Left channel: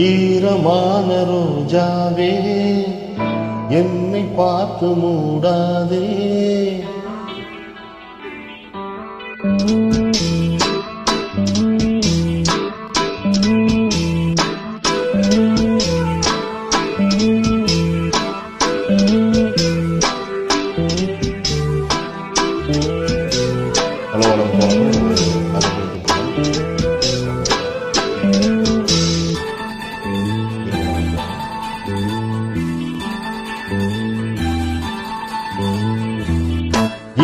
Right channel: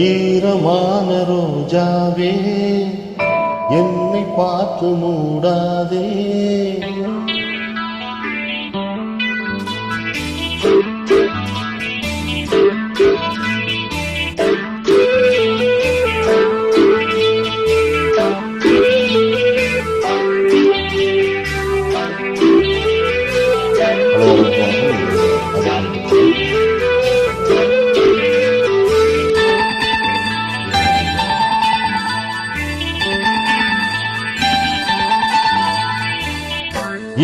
ஈரமான ரோஜாவே என்னை பார்த்து மூடாதே. ஹலோ வணக்கம்.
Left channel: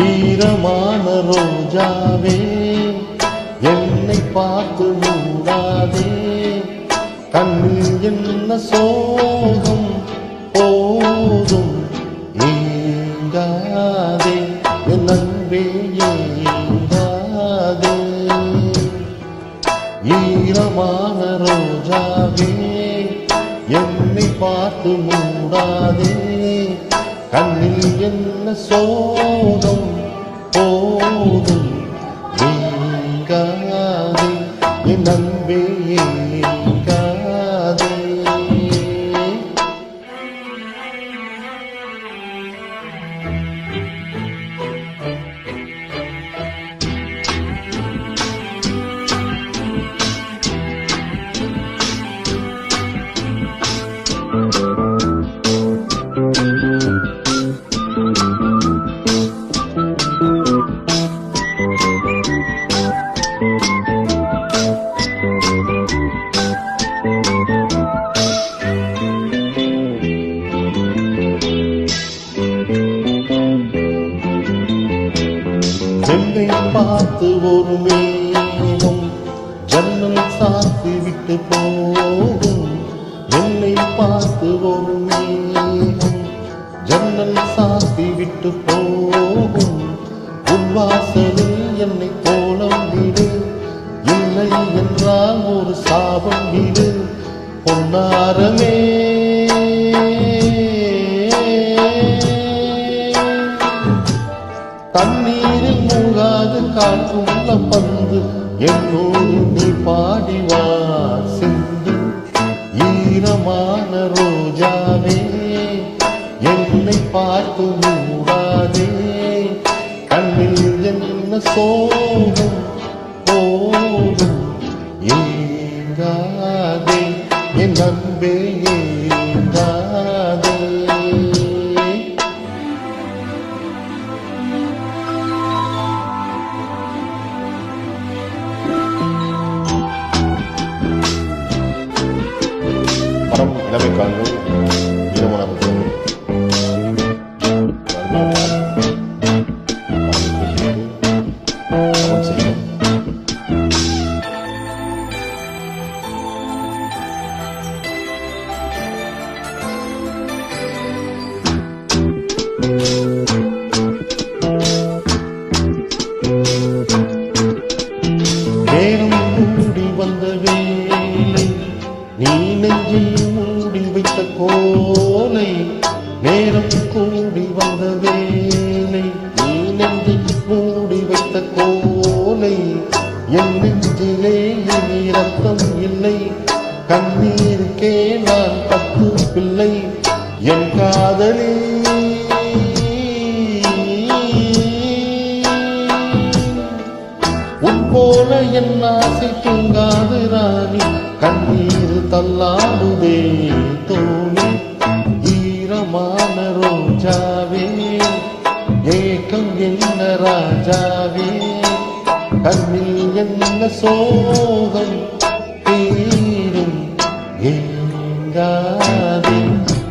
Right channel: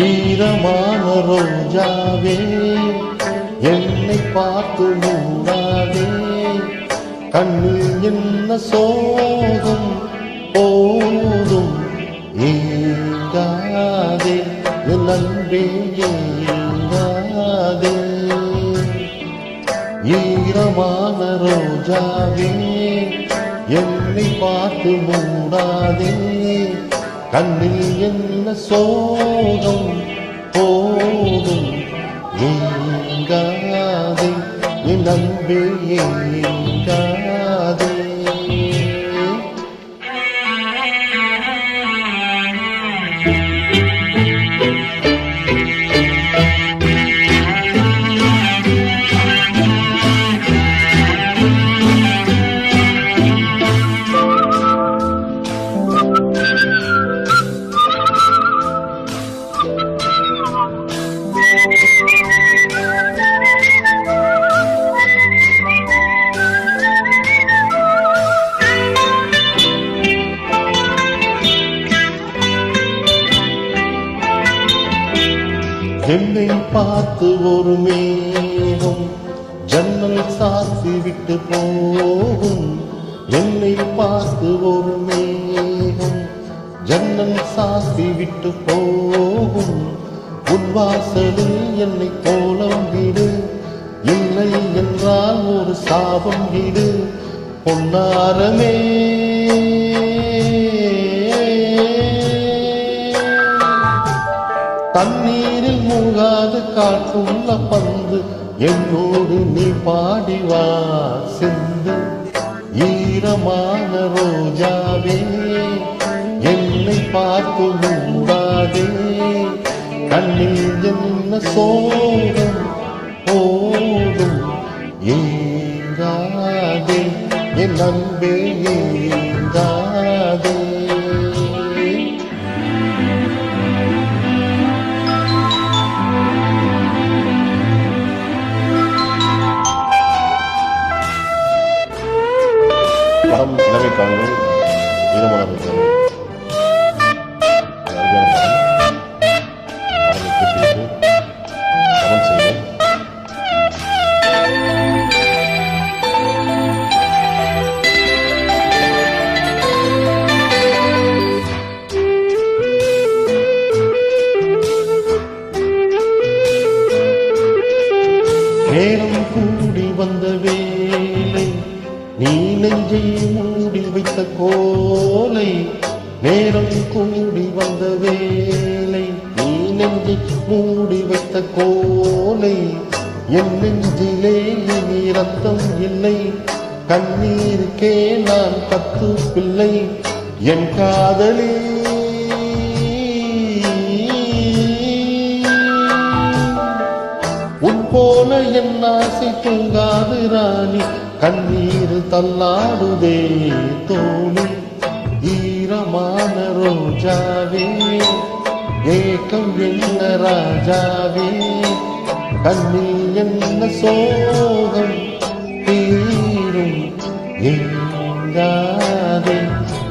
ஈரமான ரோஜாவே என்னை பார்த்து மூடாதே. கண்ணில் என்ன சோகம் போதும் ஏங்காதே, என் அன்பே ஏங்காதே. ஈரமான ரோஜாவே என்னை பார்த்து மூடாதே. கண்ணில் என்ன சோகம் போதும் ஏங்காதே, என் அன்பே ஏங்காதே. என்னை பார்த்து ஒரு மேகம் ஜன்னல் சாத்தி விட்டு போகும். என்னை பார்த்து ஒரு மேகம் ஜன்னல் சாத்தி விட்டு போகும். உன் வாசலில் என்னை கோலம் விடு, இல்லை என்றால் ஒரு சாபம் விடு. பொன்னாரமே தண்ணீரில் மூழ்காது காற்றுள்ள பந்து, என்னோடு நீ பாடிவா செந்து. ஈரமான ரோஜாவே என்னை பார்த்து மூடாதே. கண்ணில் என்ன சோகம் போதும் ஏங்காதே, என் அன்பே ஏங்காதே. படம் இளமை காண்கள் ஈரமான ரோஜாவே. அருமையான படம். படத்தை கேட்டுவிட்டு கமெண்ட் செய்யணும். நேரம் கூடி வந்த வேலை, நீ நெஞ்சை மூடி வைத்த கோலை. நேரம் கூடி வந்த வேலை, நீ நெஞ்சை மூடி வைத்த கோலை. என் நெஞ்சிலே இனி ரத்தம் இல்லை, கண்ணீருக்கே நான் 10 பிள்ளை. என் காதலே உன் போல என் ஆசை தூங்காது ராணி. கண்ணீர் தள்ளாடுதே தோணி. ஈரமான ரோஜாவே ஏக்கம் என்ன ராஜாவே. கண்ணில் என்ன சோகம் தீரும் ஏங்காதே,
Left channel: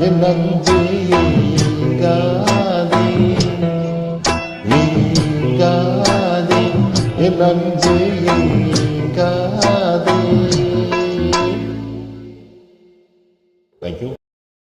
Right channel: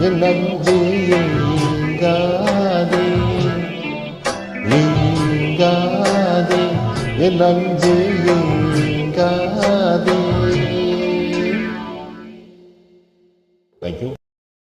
என் அன்பே ஏங்காதே. ஏங்காதே, என் அன்பே ஏங்காதே. Thank you.